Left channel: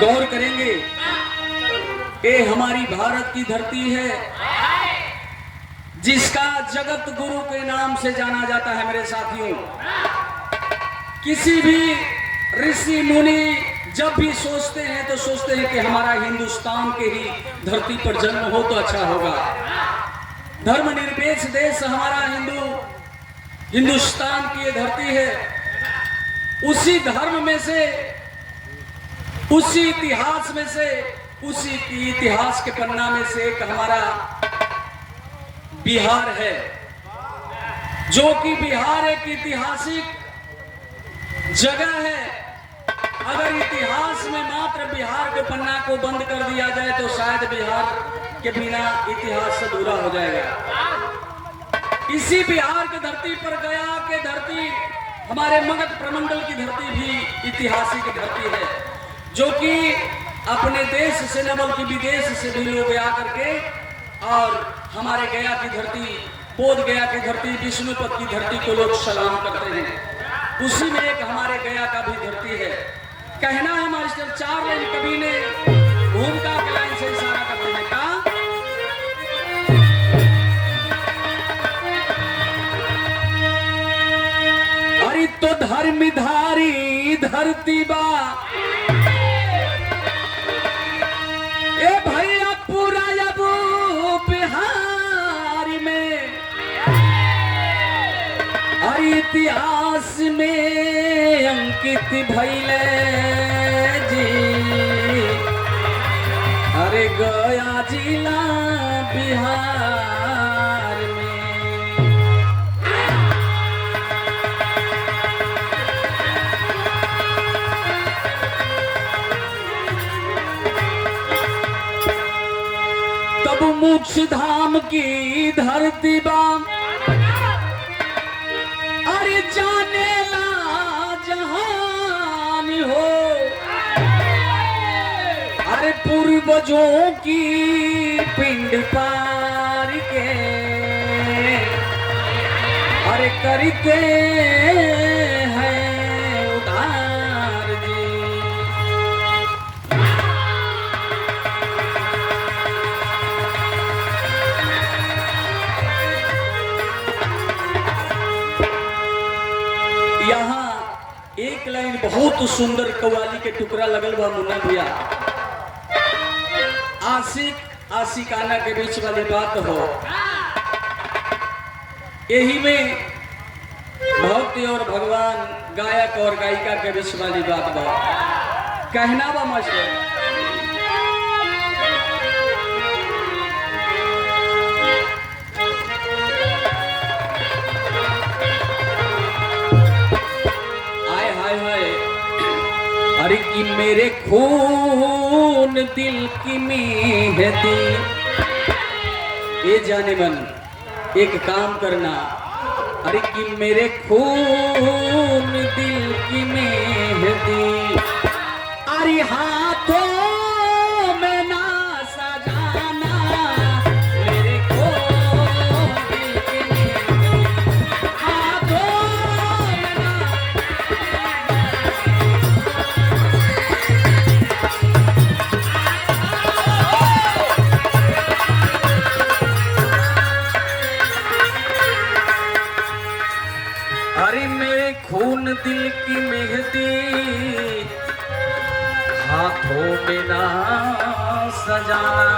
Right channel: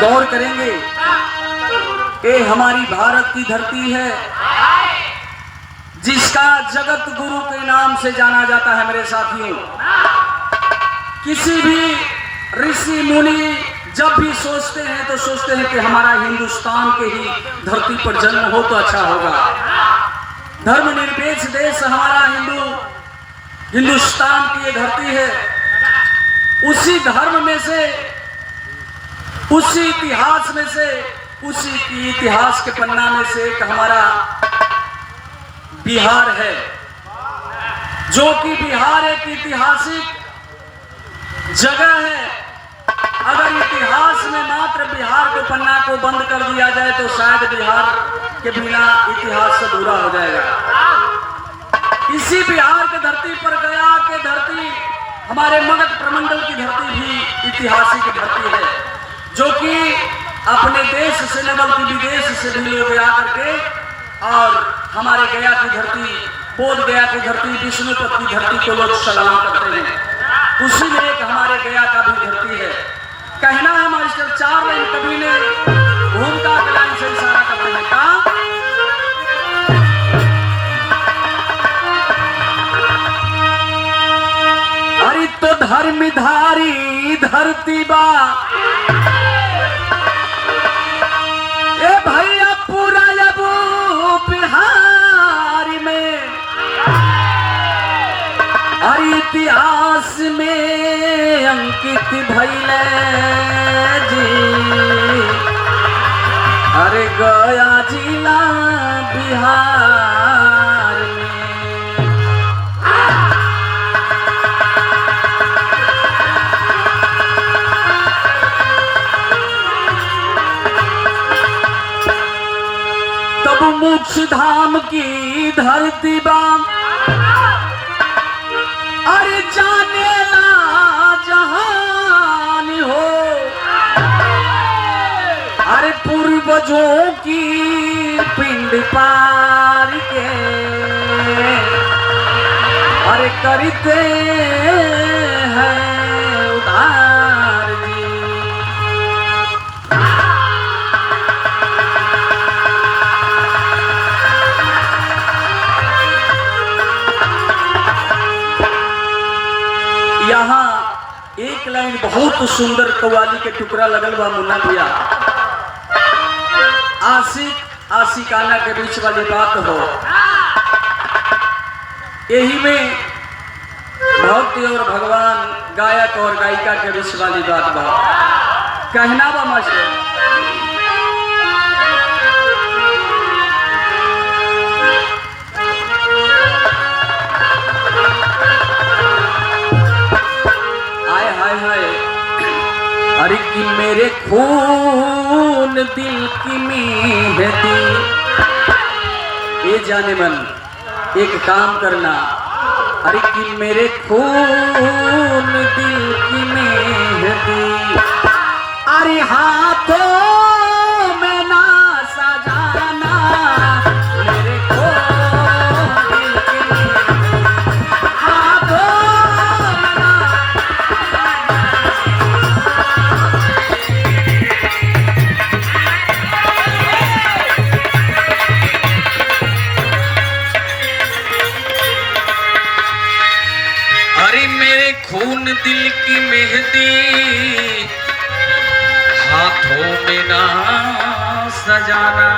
गौर करेंगे कि हमारी भारत की धरती है जिसका जगत गुरु के नाम से जाना जाता है। मेरे साथियों, किसी भी ऋषि मुनि जब भी सोचते हैं तो सोचते हैं कि हमारा हिंदुस्तान के ही धरती पर जन्म हो तो अच्छा होगा। धर्मनिरपेक्ष देश हमारा हिंदुस्तान की ये धरती है। उसी धर्म में से, उसी इतिहास में से, उसी की इतिहास के पन्ना में से एक हमारा बिहार है, जो कि बिहार एक ऐतिहासिक जगह है। अगर इतिहास में मात्र बिहार के पन्ना को बंद कर दिया जाए तो शायद बिहार के बिना इतिहास अधूरा हो जाएगा। इसी बिहार की धरती पर गया के धरती, हमारे मगध प्रमंडल की धरती भी ऐतिहासिक धरती है, जो कि अपने देश से न बल्कि विदेश से भी लोग आकर के और हमारे गया की धरती, बोध गया की धरती, विष्णुपद की धरती को लोग सलाम करते हैं। उसी में एक हमारे गया का भी धरती है। कहना है मास्टर, 4 लाइन कवि ने भूमिका के लाइन से इशारा करते हैं। कहा अरे तो धर्मधारी धरती बा ए भैया पूरा अबू बिहार में, अरे इतिहास में अंकित भइले जी, अरे गया जिला बिहार में। तब मोक्ष धाम की धरती बा, अरे जाने ला जहान हो, अरे पूर्वजों की पिंड पार के, अरे करते हैं उधार जी। यहाँ एक लाइन बहुत सुंदर कव्वाली के टुकड़ा लगल बा मुन्ना भैया। आशिक आशिकाना के बीच वाली बात हो, यही में भक्ति और भगवान, गायक और गायिका के बीच वाली बात बा। कहना बा मास्टर, अरे कि मेरे खून दिल की मेहंदी, ये जाने मन एक काम करना, अरे कि मेरे खून दिल की मेहंदी, अरे हाथों में ना सजाना, मेरे खून दिल की मेहंदी, हाथों में ना। अरे मेरे खून दिल की मेहंदी, हाथों में ना सजाना,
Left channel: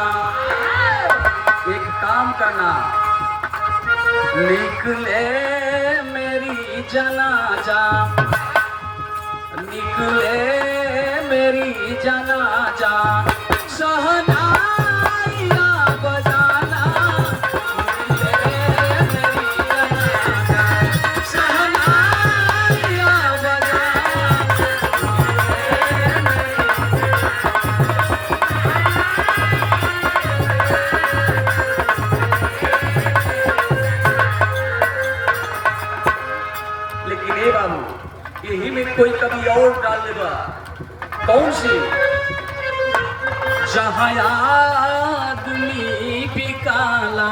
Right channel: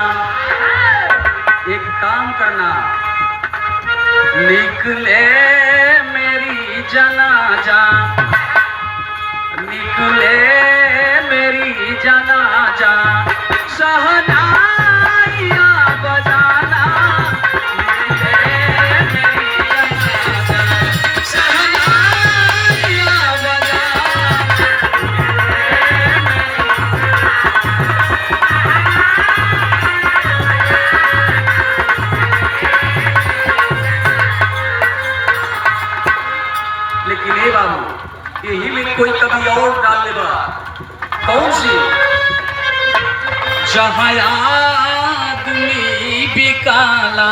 एक काम करना, निकले मेरी जनाजा, निकले मेरी जनाजा, सहनाइया बजाना, यही में कोई कभी और डाल देगा। कौन सी? जहाँ आदमी भी काला,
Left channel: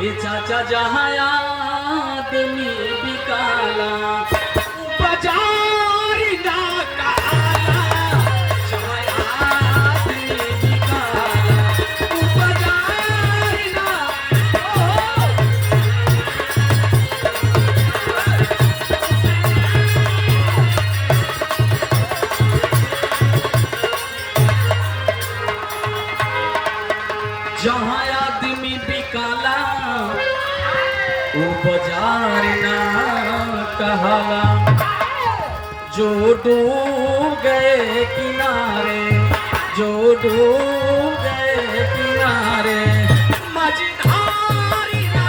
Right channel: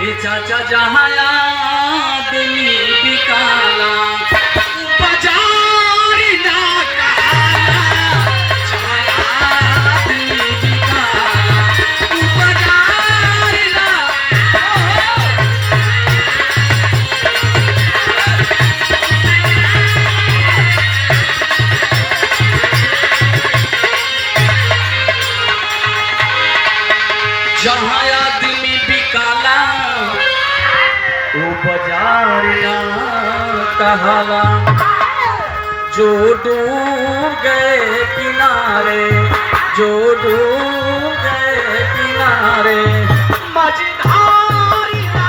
ये चाचा जहाँ आदमी भी काला, बाजार ना काला, बाजार ना कहाला, जो डूब गए किनारे, जो डूब गए किनारे, मझधारी ना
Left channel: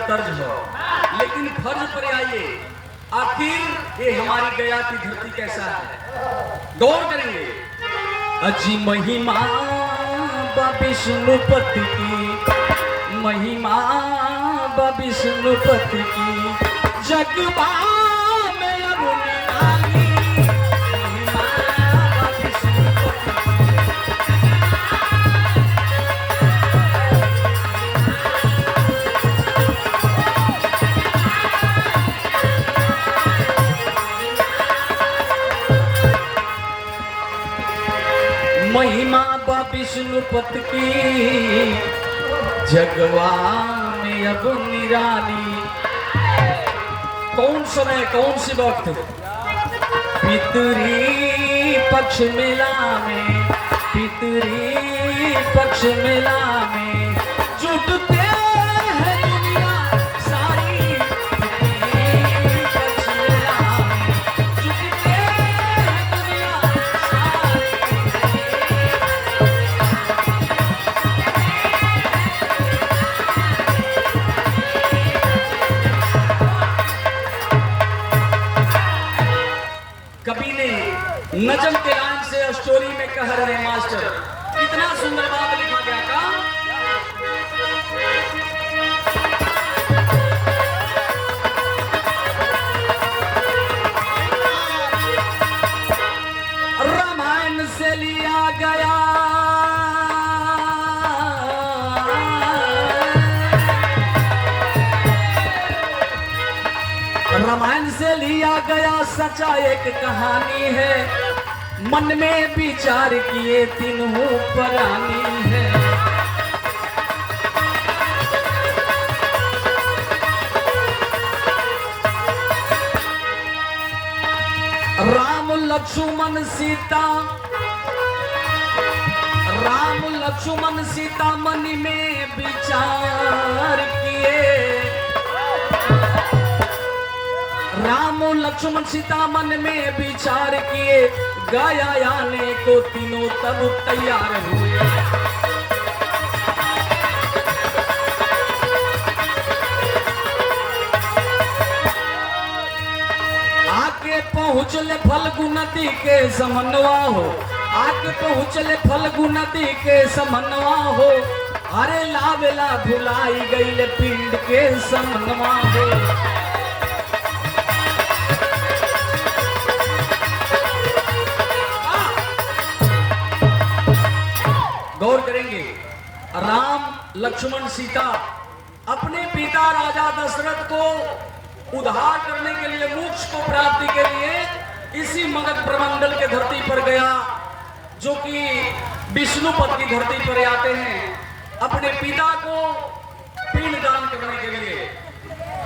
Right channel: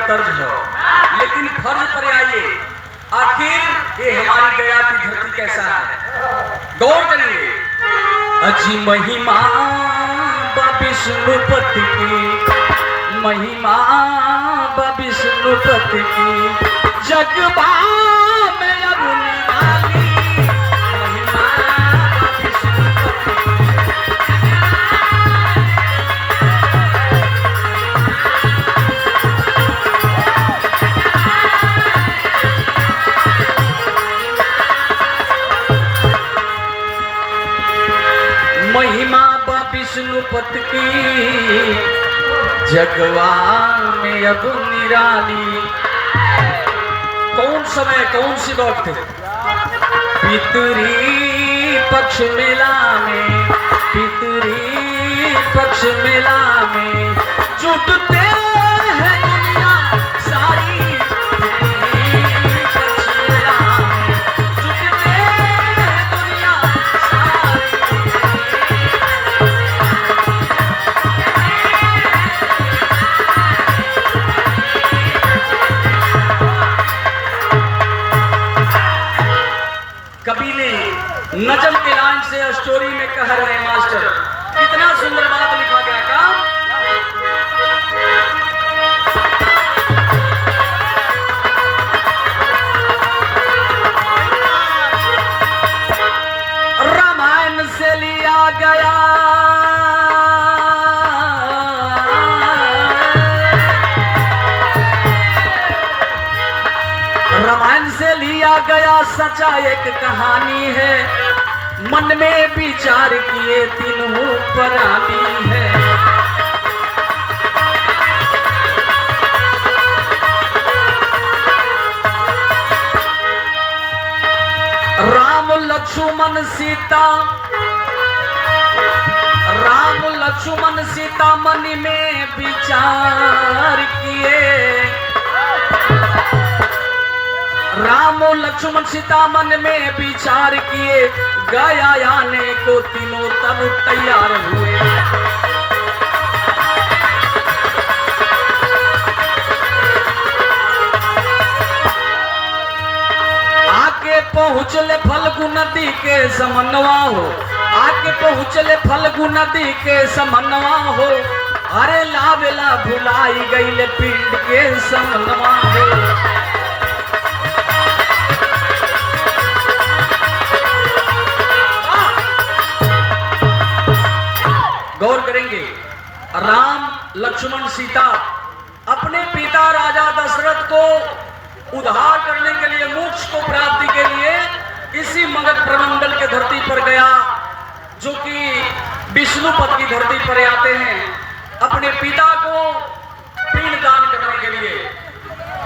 तर्ज हो, लेकिन फर्ज पर आइए, आखिर ये हमारी गया की धरती कैसा है, गौर करेंगे। अजी महिमा विष्णुपति की, महिमा विष्णुपति की, जगबा में अब निराली, महिमा विष्णुपति की। महिमा विष्णुपति की, जगवा में अब निराली। कौन समय, कौन सी वक्त? पितरी पक्ष मेला में, पितरी पक्ष मेला में जुटते हैं दुनिया सारी, पितरी पक्ष मेला में जुटते हैं दुनिया सारी। कवि ने नजम के लाइन से स्टोरी में कह रहे हैं मास्टर, कितना सुंदर बात लिखा गया का। रामायण से लिया गया, रामायण से लिया गया सच्चा एक कहानी है, मन में विचार किए तीनों प्राणी है। राम लक्ष्मण सीता, राम लक्ष्मण सीता मन में विचार किए, राम लक्ष्मण सीता मन में विचार किए, गया आने को तीनों तब तैयार हुए। आके पहुँचले फल्गु नदी के समन्वय हो, आके पहुँचले फल्गु नदी के समन्वय हो, अरे लावेला भुलाई गई पिंड के समन्वय हो। गौर करेंगे, राम लक्ष्मण सीता अपने पिता राजा दशरथ को उद्धार करने के लिए, मोक्ष को प्राप्ति के लिए इसी मगध प्रमंडल के धरती पर गया, जो कि विष्णुपद की धरती पर आते हैं अपने पिता को पिंडदान करने के लिए।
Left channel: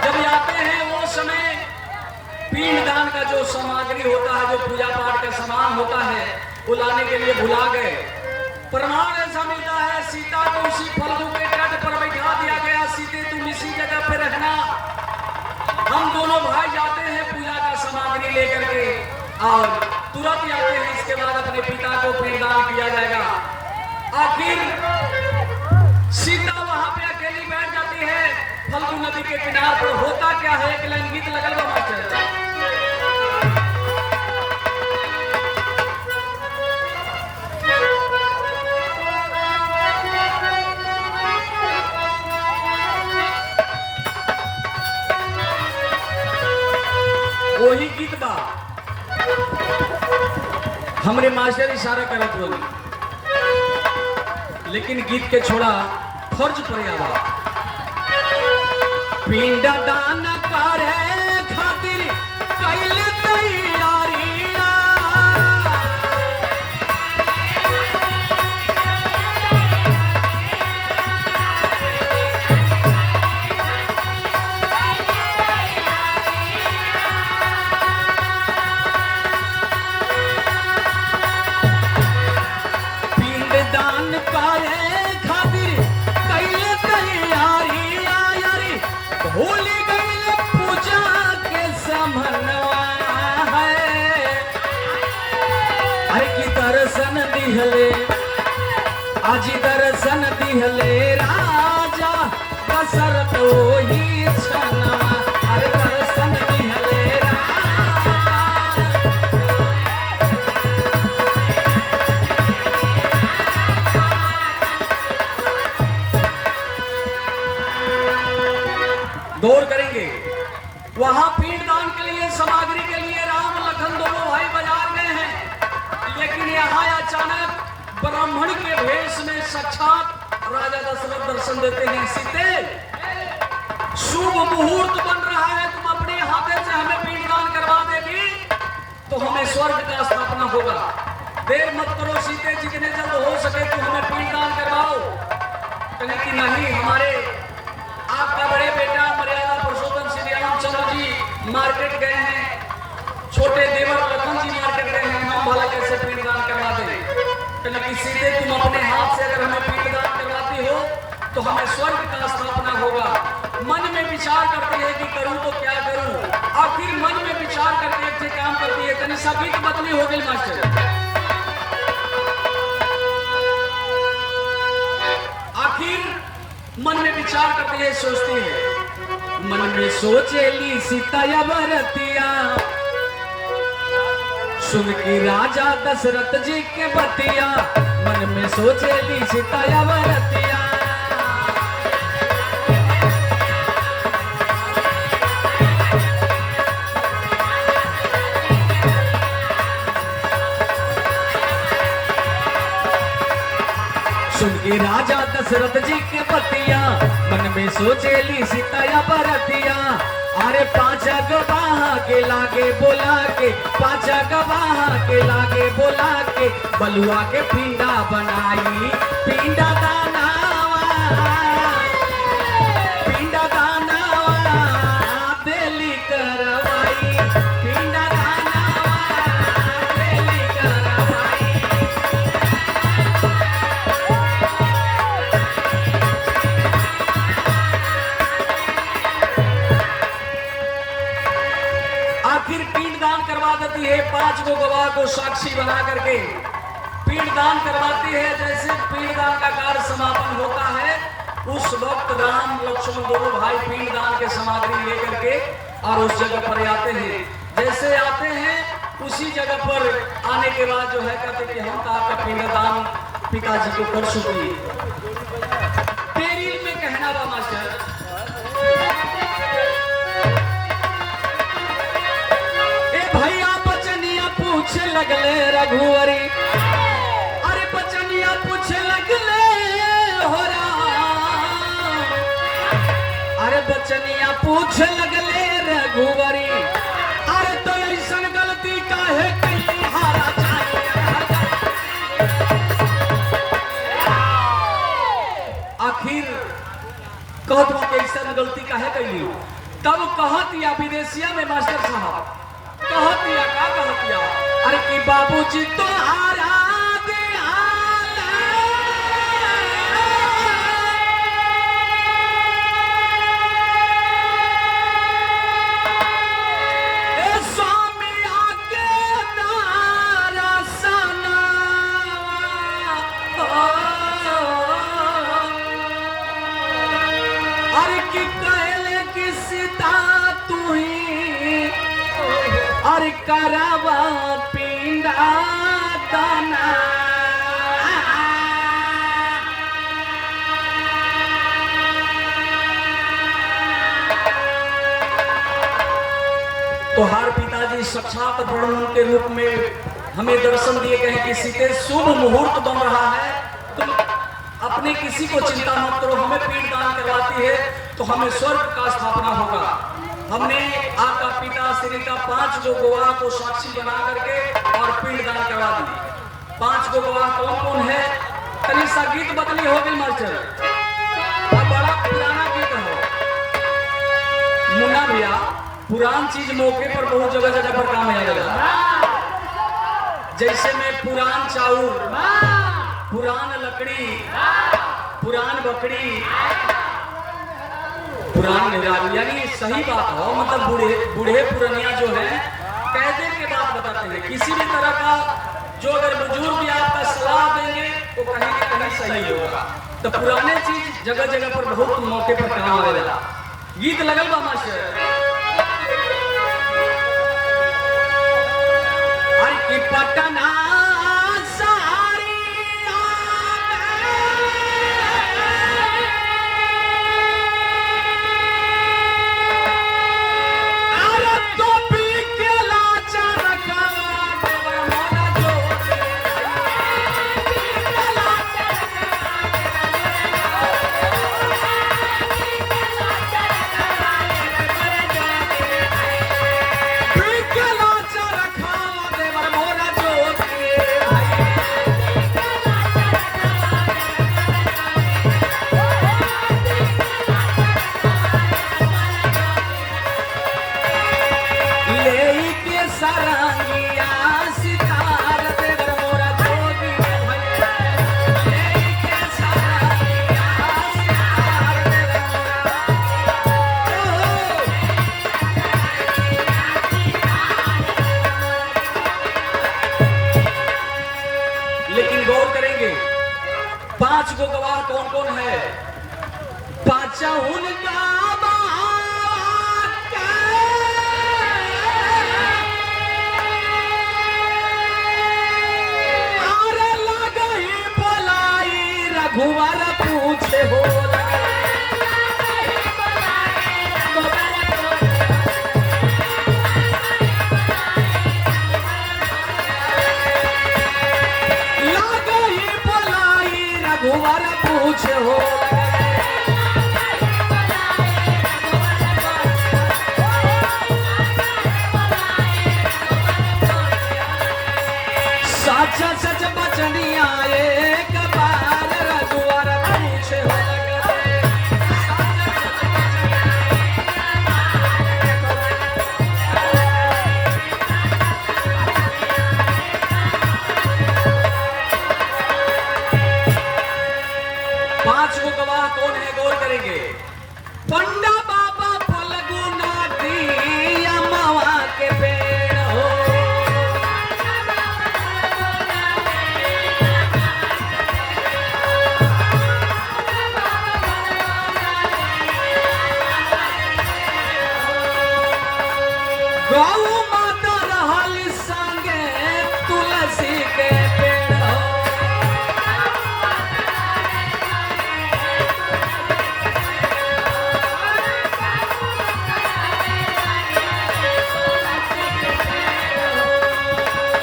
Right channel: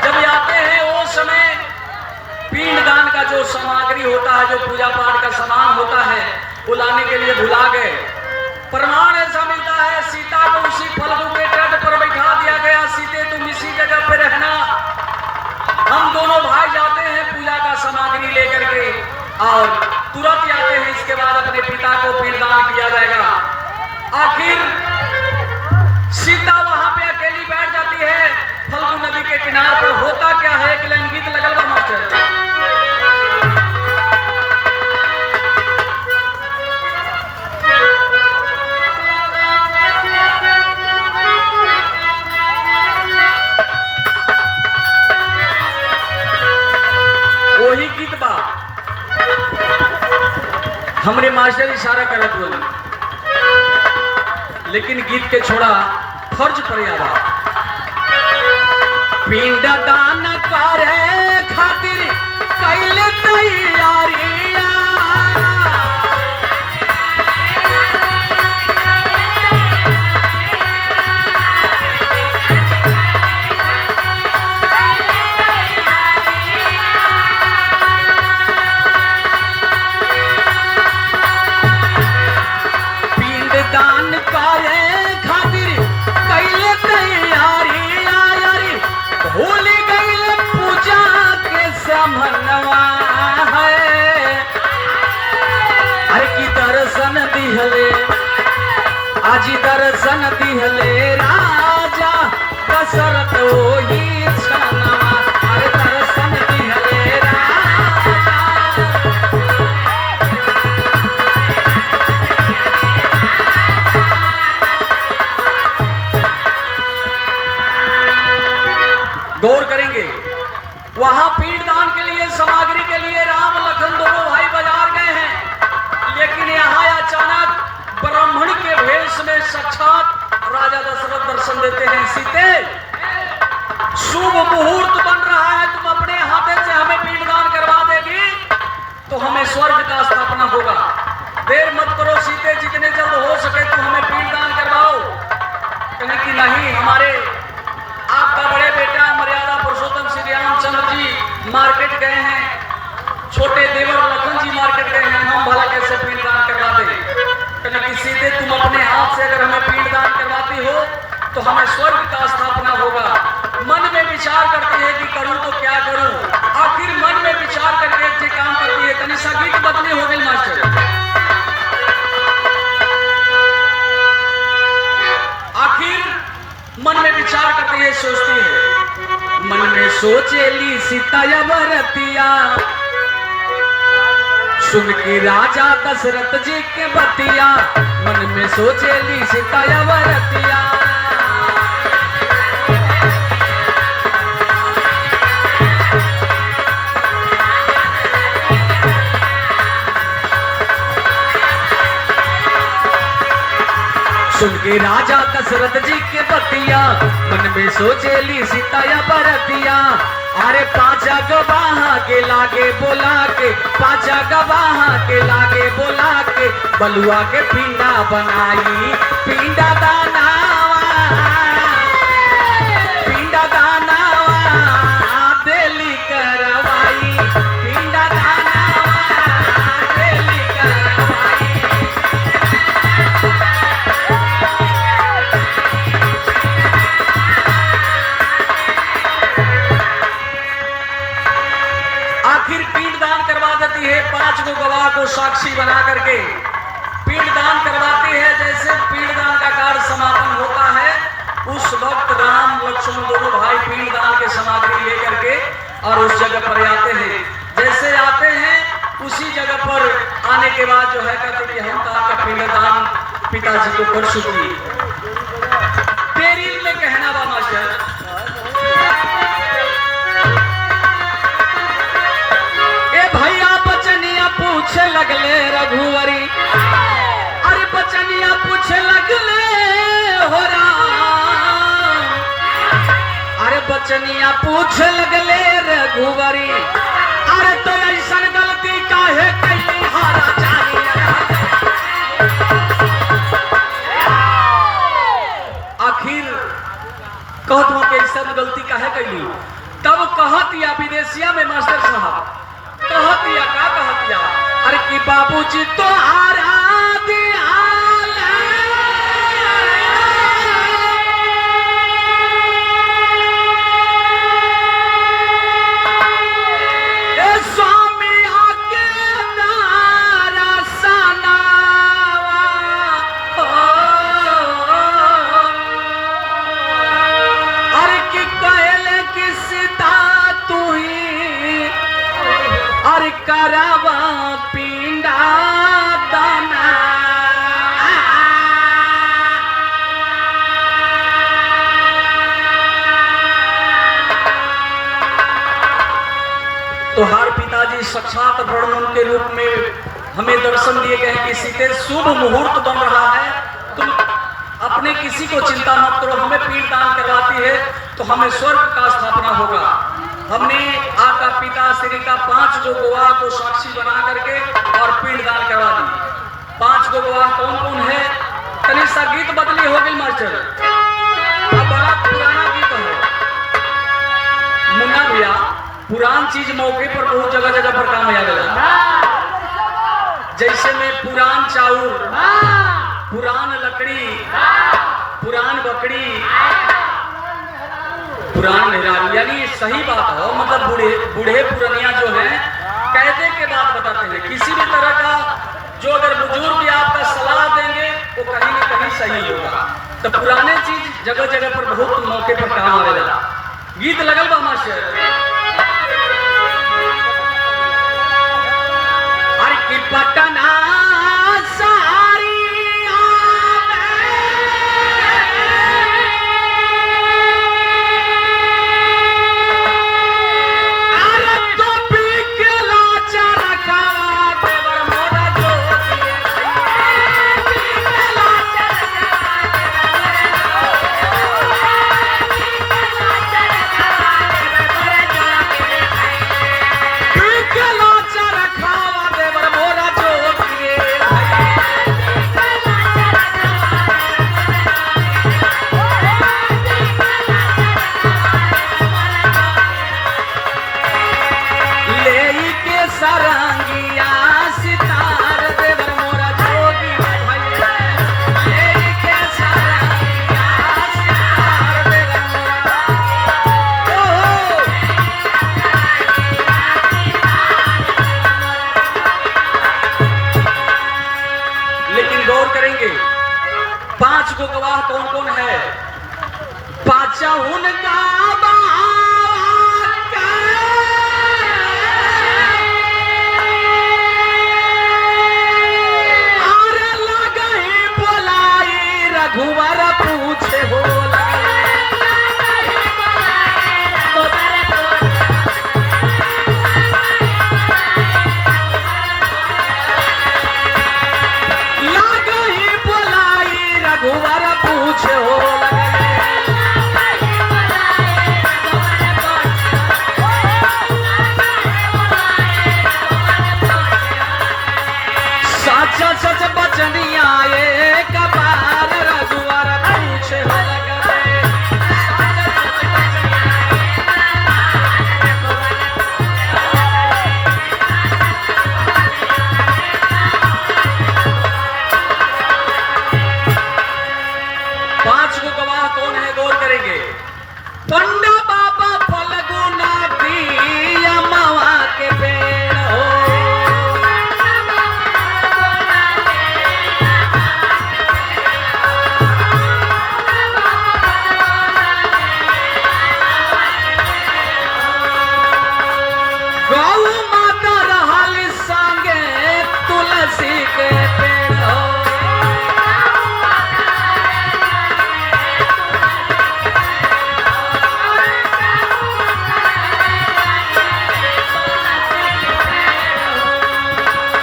जब आते हैं वो समय पिंडदान का जो सामग्री होता है, जो पूजा पाठ का सामान होता है, वो लाने के लिए भुला गए। प्रमाण ऐसा मिलता है, सीता को उसी फल्गु के तट पर बैठा दिया गया, सीते तुम इसी जगह पे रहना, हम दोनों भाई जाते हैं पूजा का सामग्री लेकर के, और तुरंत आते हैं, इसके बाद अपने पिता को पिंडदान किया जाएगा। आखिर सीता वहां पे अकेली बैठ जाती है फल्गु नदी के किनारे पर। होता क्या है, एक लाइन गीत लगल बा मास्टर। वही गीत बा, हमरे मास्टर इशारा करत बोली, लेकिन गीत के छोड़ा फर्ज पर आवा। पिंड दान करे खातिर कैले तैयारियां, जी दर्शन दिहले राजा दशरथ ओही छनवा अरे दर्शन दिहले राजा। गौर करेंगे वहां पिंडदान के लिए सामग्री के लिए राम लखन दोनों भाई बाजार गए हैं, लेकिन यहाँ अचानक ब्राह्मण के भेष में साक्षात राजा दशरथ दर्शन देते हैं। सीते शुभ मुहूर्त बन रहा है, तुम अपने हाथे से हमें पिंडदान करवा देगी तो हमें स्वर्ग का स्थापना होगा। देर मत करो सीते, जितने जल्द हो सके तुम हमें पिंडदान करवाओ। कहे कि नहीं, हमारे आपका बड़े बेटा मर्यादा पुरुषोत्तम श्री रामचंद्र जी मार्केट गए हैं, छोटे देवर लखन जी मार्केट गए हैं, हम भला कैसे पिंडदान करवा दें। कहीं सीधे तुम अपने हाथ से अगर हमें पिंडदान करवाती हो तो हमें स्वर्ग का स्थापना होगा। मन में विचार करते हैं कि करूं तो क्या करूं, आखिर मन में विचार करके अच्छे काम करती है। तनिषा गीत बदली हो गई मास्टर। आखिर मन में विचार करती है, सोचती है, मन में सोचेली सीता यवरतिया सुन के राजा दशरथ जी के बतिया, मन में सोचेली सीता यवरतिया। सुन के राजा दशरथ जी के बतिया, मन में सोचेली सीता यवरतिया। अरे पांचा गवाह के लागे बोला के, पांचा गवाह के लागे बोला के, बलुआ के पिंडा बनाई, पिंडा दानावा, पिंडा दानावा देली करवाई, पिंडा दानावा देली करवाई। आखिर पिंडदान करवा देती है, 5 गवाह को साक्षी बना करके पिंडदान करवाती है। जैसे पिंडदान का कार्य समापन होता है उस वक्त राम लक्ष्मण दोनों भाई पिंडदान के सामग्री लेकर के और उस जगह पर आते हैं। जैसे आते हैं उसी जगह पर आने के बाद जो है कहते कि हम आपका पिंडदान पिताजी को कर चुकी। तेरी में कहना बा मास्टर, पूछे लगले रघुवरी, अरे बचनिया पूछे लगले हो राम, अरे बचनिया पूछे लगले रघुवरी, अरे तो ऐसन गलती काहे कई हारा चाहिए। आखिर कहत हो कि ऐसन गलती काहे कई, तब कहत या विदेशिया में मास्टर साहब कहतिया का कहतिया, अरे कि बाबूजी तो हारा दिहाल, ए स्वामी आके नारा सनावा, अरे कि कहले कि सीता तू ही अरे करावा पिंडा दाना। तो हर पिताजी साक्षात ब्रह्म के रूप में हमें दर्शन दिए गए कि सीते शुभ मुहूर्त बन रहा है, तुम अपने किसी को चिंता मत करो, हमें पिंडदान करवाती है तो हमें स्वर्ग का स्थापना होगा। हमने आपका पिता श्री का 5 गवाह को साक्षी बना करके और पिंडदान करवा दी। 5 गवाह कौन कौन है? तनिषा गीत बदली हो गई मास्टर, अब बड़ा पुराना गीत हो। मुन्ना भैया पुरान चीज मौके पर बहुत जगह जगह पर काम आ जाएगा। जैसे में पुरान चाउर, पुरान लकड़ी, पुरान बकरी, पुरान मेहरारू, यानी सही बात हो, मतलब बूढ़े पुरानिया जो है कहते के बात बताते हैं। किसी भी तरह का जो अगर बुजुर्ग आपका सलाह देंगे तो कहीं ना कहीं सही होगा। तो पुराने चीज जगह जगह पर बहुत मौके पर काम आवेला। गीत लगल बा मास्टर, अरे कि पटना सारी अरे तो पी के लाचा रखा पांच को गवाह कौन कौन है? पांचहुन का अरे लगही बोलाई रघुवर पूछे हो पूछे हो सच सच बचनी आए कपाल रघुवर पूछे हो पांच को गवाह कौन है? गौर करेंगे। पंडा बाबा फल्गु नदी अमवा के पेड़ हो, गौ माता रहल संगे तुलसी के पेड़ हो।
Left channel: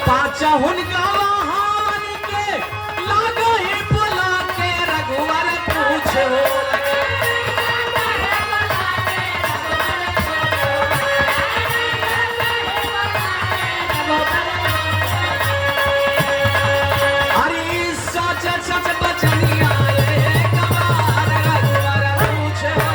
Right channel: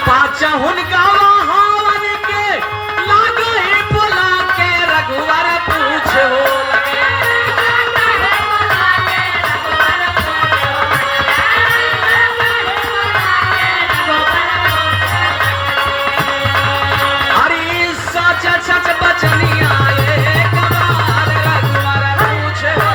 पांचहुन गवाहन के लागे बुला के रघुवर पूछे हो हरी सच सच बचनी आए कपाल रघुवर पूछे हो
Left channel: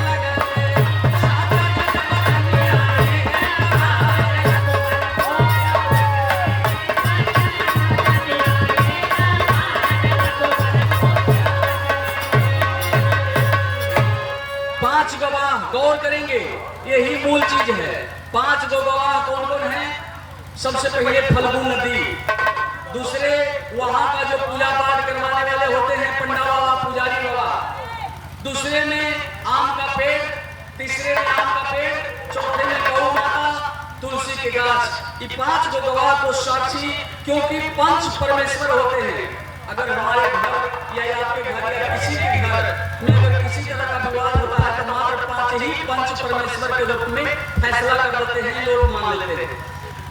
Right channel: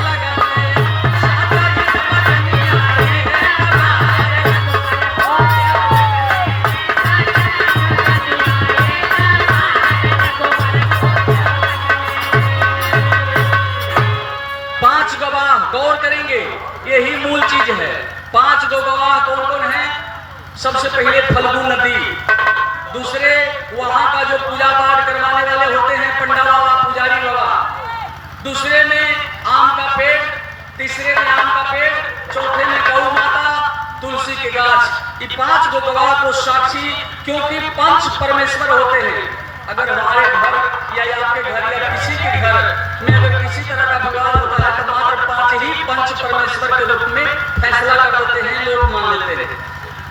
पांच गवाह गौर करेंगे, यही मूल चीज है। पांच गवाह कौन कौन है? सबसे पहले फल्गु नदी, दूसरे वहां का जो पूजा पाठ करवाने वाले होते हैं पंडा बाबा पुजारी बाबा, दूसरे में आम का पेड़, तीसरे में आम का पेड़, चौथे में गौ माता तुलसी के गाछ। ये पांच गवाह को साक्षी, क्योंकि पंच परमेश्वर होते हैं। अगर हमारे घर या आपके घर या किसी के घर में अगर किसी तरह का विवाद होता है तो मात्र पांच ही पंच परमेश्वर के रूप में फैसला कर देते हैं, लोग मान लेते हैं।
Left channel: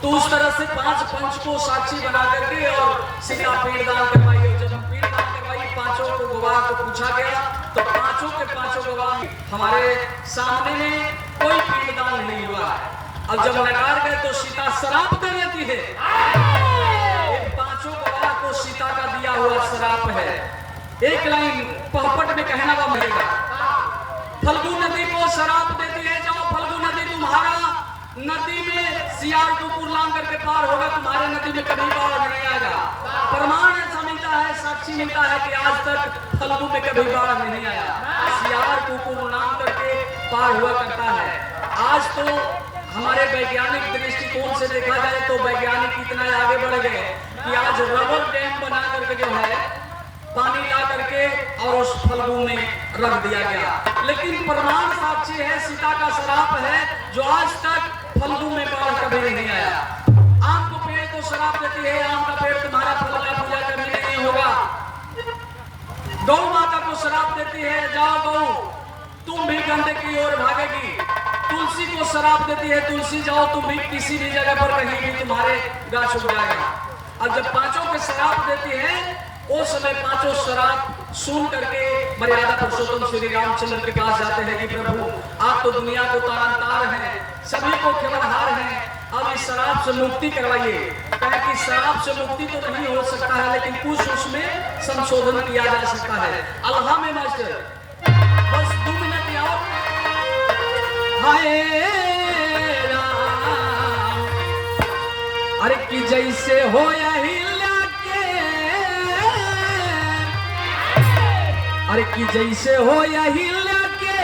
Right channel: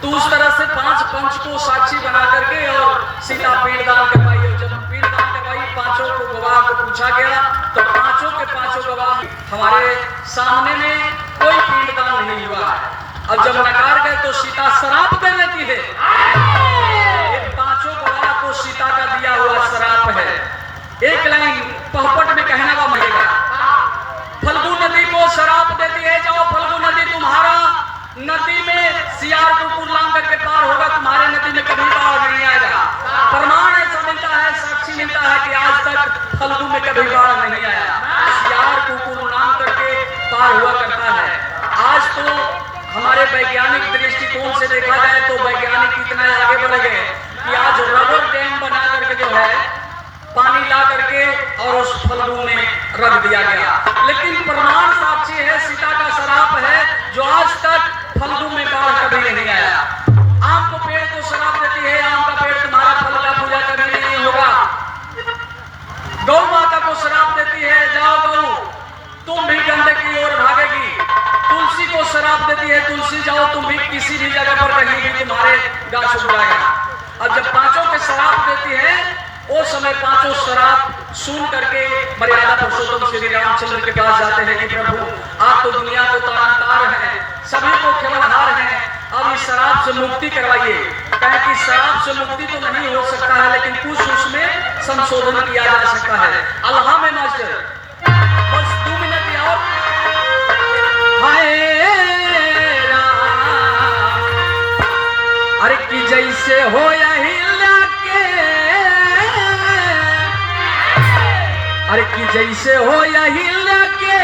तो उस तरह से पांच पंच को साक्षी बना करके और सीता पिंडदान करवाई। और जब पिंडदान करवाई, पांचों को गवाह को पूछा गया तो पांचों के पांचों गवाह हमारे सामने में कोई पिंडदान नहीं हुआ। अब जब नकार गए तो सीता श्राप देने की है। पांचों गवाह को सीता का दिया हुआ श्राप है। एक लाइन पहपट में कहना वो मरेगा। फल्गु नदी को श्राप देती है, जाओ फल्गु नदी तुम्हारा नदी में सियार कुकुर लांग करके पार होगा, तुम्हारे नदी में कभी बाढ़ नहीं आएगा। प्रमाण ऐसा मिलता है, साक्षी मिलता है कि आज तक फल्गु में कभी बाढ़ नहीं आया, सियार कुकुर लांग करके पार हुआ करता है। आज तो हमारे वैज्ञानिक दृष्टिकोण से देखा जाए तो वैज्ञानिक इतना आगे बढ़ गए कि आज रबर डैम बना करके जो है पानी ला करके और उस फल्गु में रख दिया गया। लेकिन प्रमाण साक्षी है, सीता का श्राप है, जो आज तक फल्गु में बाढ़ कभी नहीं आया। आम को पेड़ को श्राप देती है, आम का पेड़ तुम्हारा फल का पूजा कभी नहीं होगा। गौ माता को श्राप देती है, जाओ गौ तुम भी गंदे की ओर भागेगी। तुलसी को श्राप देती है, तुलसी जाओ तुम भी किसी भी जगह पर कहीं भी तुम्हारे गाछ उग जाएगा। और जब पांचों के श्राप देती है, उस समय पांचों श्राप सुन करके मर्यादा पुरुषोत्तम श्री रामचंद्र के पास जाते हैं कि प्रभु आप तो दुनिया को तारनतार हैं, सभी को केवलहार हैं, अब इस श्राप से मुक्ति करवाइए। कहे कि श्राप से मुक्ति तो नहीं हो सकता है, लेकिन कुछ उसमें संशोधन किया जा सकता है। अल्लाह में मास्टर बस 2 मिनट और। अरे कि जैसे हो यही लाके, अरे कि जैसे हो यही लाके,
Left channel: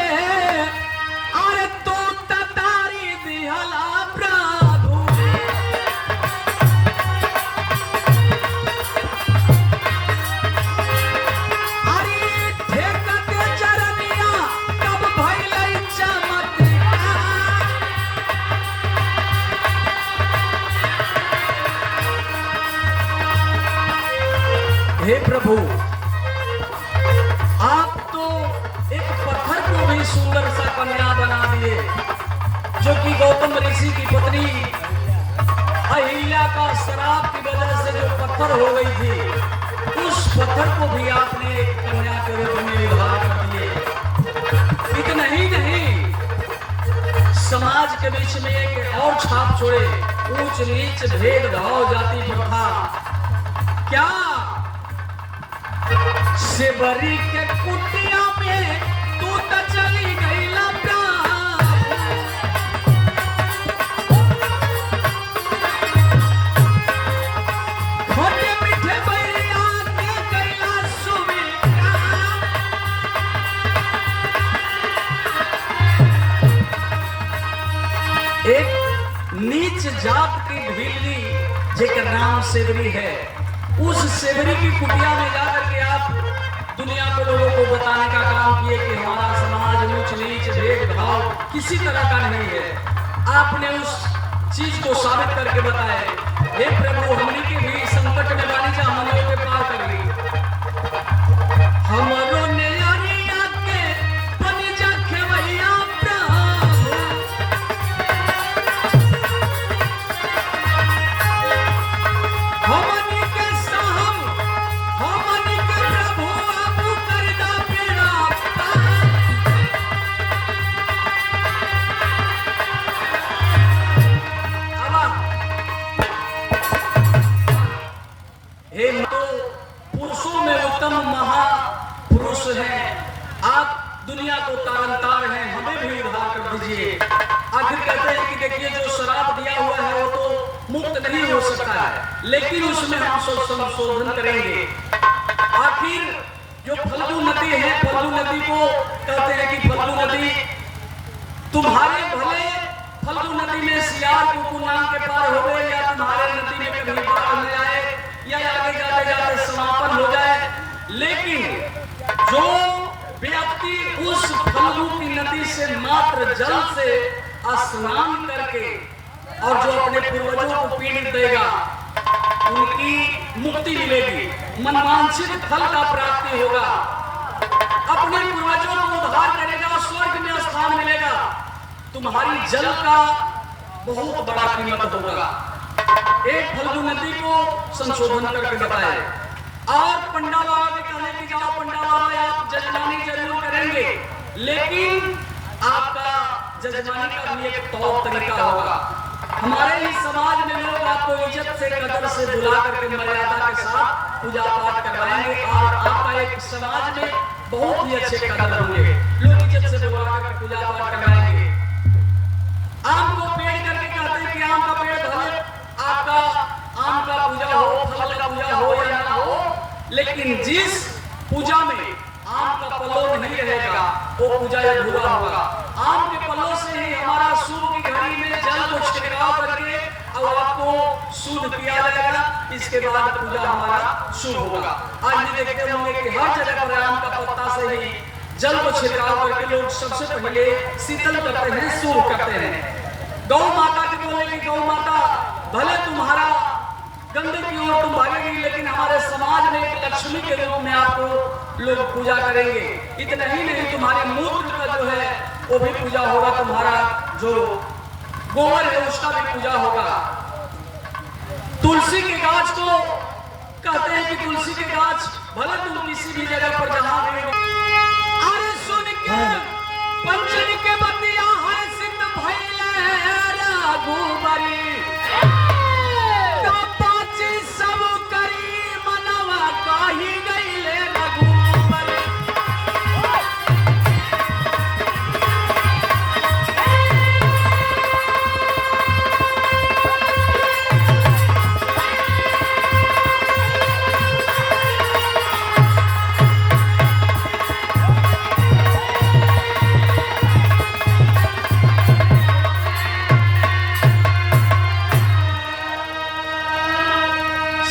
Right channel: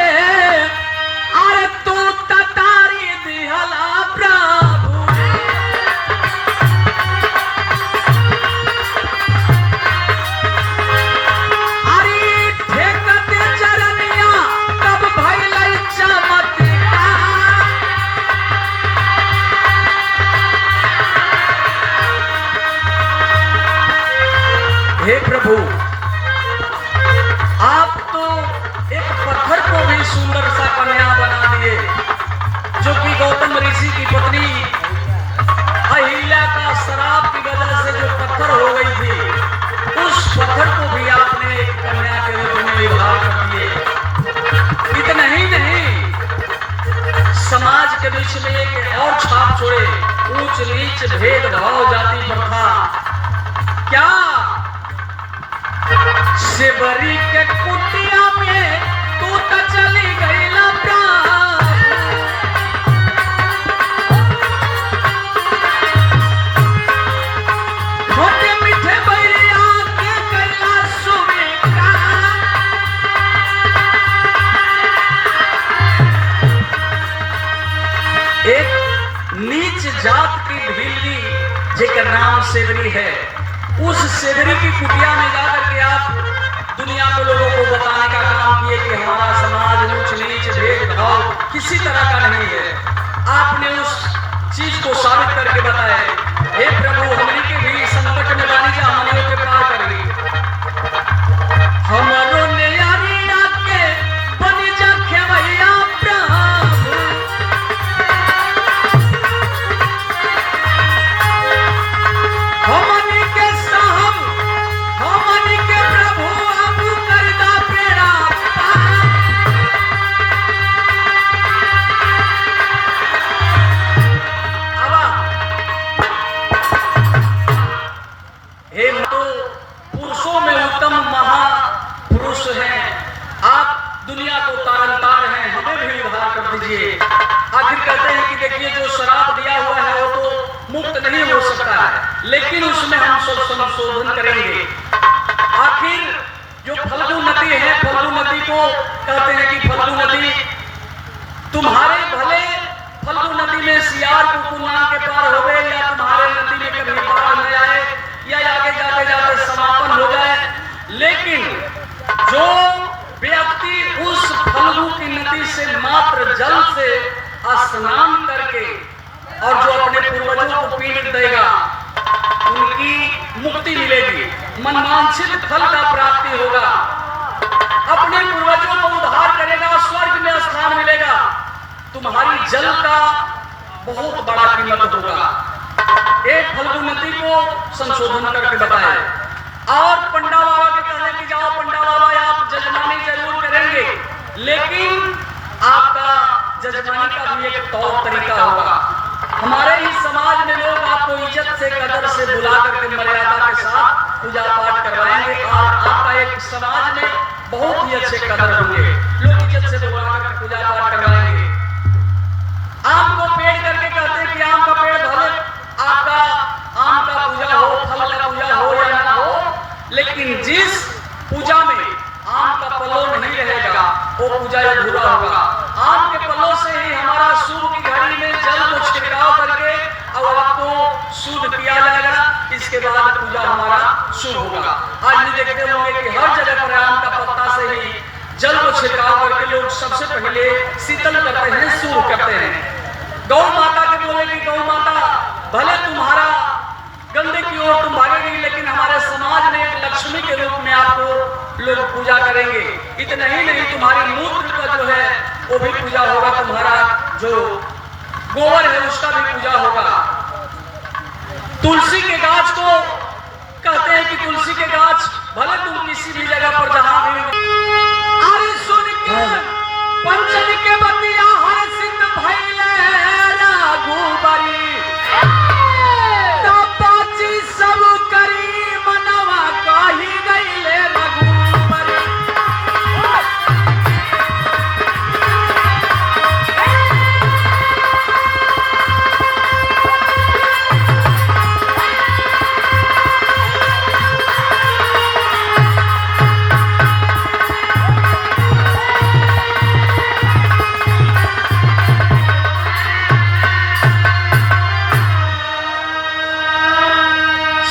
अरे तो ततारी दिहला प्रभु। अरे ठेकते चरनिया तब भइल चमत्कार। हे प्रभु आप तो एक पत्थर को भी सुंदर सा कन्या बना दिए, जो कि गौतम ऋषि की पत्नी अहिल्या का श्राप की वजह से जो पत्थर हो गई थी, उस पत्थर को भी आपने एक कन्या के रूप में विवाह कर दिए। इतना ही नहीं, समाज के बीच में एक और छाप छोड़े, ऊंच नीच भेदभाव जाति प्रथा। क्या सेवरी के कुटिया में तू तो चली गई मोटे मीठे बैरिया के कैला सुविका। एक नीच जात की ढीली जेकर नाम सेवरी है, उस सेवरी की कुटिया में जाकर के आप दुनिया को लोगों को बताने का काम किए कि हमारा समाज ऊंच नीच भेदभाव किसी तरह का नहीं है। आपने उस चीज को साबित करके बताया। हे प्रभु हमने के भी संकट में बानी जा हमने के प्यार करेंगे। हमारो ने यारिया के बनी जा खेवैया प्रभु। हमने के साहब हमने के प्रभु आपू करदा पेड़ा। हे तो पुरुषों में उत्तम महापुरुष हैं, आप दुनिया को तारनतार हैं, हमें भी उद्धार कर दीजिए। आखिर कहते हैं कि देखिए जो शराब दिया हुआ है वो तो मुक्त नहीं हो सकता है, लेकिन उसमें हम सब संशोधन करेंगे। आखिर जो फल्गु नदी है, फल्गु नदी को कहते हैं कि फल्गु नदी तुम्हारे भले फल्गु नदी में सियार कुकुमान के पार हो गए, या तुम्हारे नदी में कभी बाढ़ न आए, या आगे जाते जाते समापन हो जाए। लेकिन जो व्यक्ति उस फल्गु की नदी से मात्र जल से स्नान करके और जो अपने पूर्वजों को पीड़ देगा, उनकी मुक्ति मिलेगी, मनवांछित फल का प्राप्ति होगा, अपने पूर्वजों को उद्धार करेगा, स्वर्ग में स्थान मिलेगा। तुम्हारी जल का बहुत बड़ा कीमत होगा। एक फल्गु नदी को संशोधन करके बताए। और पंडा बाबा के कहने की जाओ पंडा बाबा आप जजमानी जरूर करेंगे, लेकिन आपका जजमानी का भी एक तौर तरीका होगा। हमारे ही समाज में लोग आपको इज्जत से कदर से बुला करके मर्यादा के साथ पूजा पाठ करवाएंगे, और आपका एक समाज में बहुत ही अच्छे कदर होंगे, लोग इज्जत से बुला करके पूजा पाठ करवाएंगे। आम को पेड़ करके कहते हैं कि आम का पेड़ भले आपका आम का पूजा हो, फल का पूजा हो या ना हो, लेकिन जिस पूजा में आम का पल्लो नहीं रहेगा वो पूजा अधूरा होगा। आम के पल्लों से ही हमारा शुभ की घड़ी में जल को छिड़काव करके और आपको शुद्ध किया जाएगा, इसके बाद पूजा हमारा शुभ होगा। आज भी देखते होंगे कि हर जगह पर आम का पत्ता से ही जल को छिड़काव करके लोग सबसे पहले शीतल करते हैं, शुरू करते हैं। गौ माता के बोलेगी, गौ माता भले तुम्हारा गंदे की ओर तुम भागेगी, लेकिन हमारे समाज में एक लक्ष्मी के रूप में आपको लोग पूजा करेंगे। इतना ही नहीं, तुम्हारे मूत्र का जो है वो भी पूजा होगा, तुम्हारा जो गोबर है उसका भी पूजा होगा। तुलसी के गाछ को कहते हैं कि तुलसी के गाछ भले तुम किसी भी जगह पर जहां भी अरे सुन के पंचन के बतिया हर सिंध भइले रघुबरी तपाची सब करी मनवा कही गइले रघुबरी।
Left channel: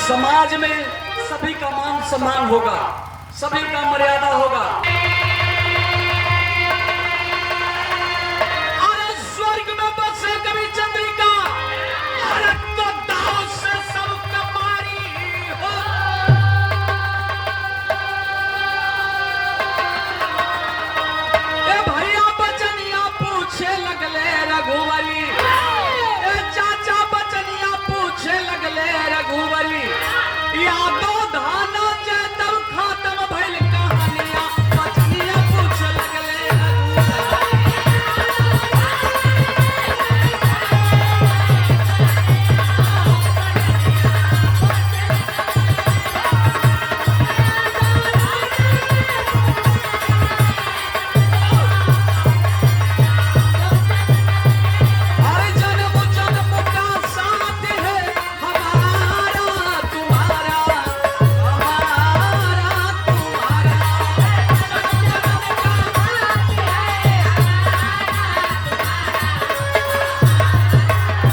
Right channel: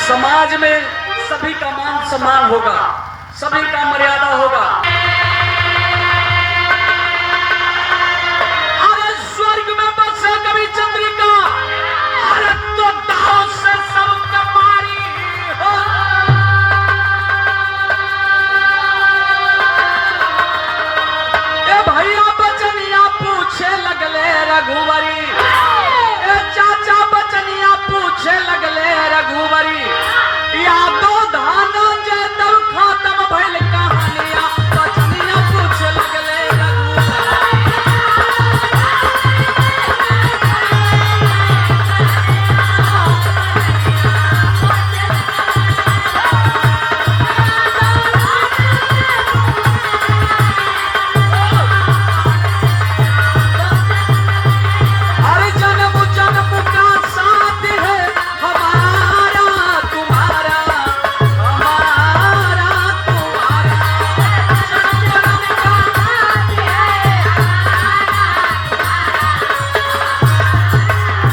समाज में सभी का मान सम्मान होगा, सभी का मर्यादा होगा।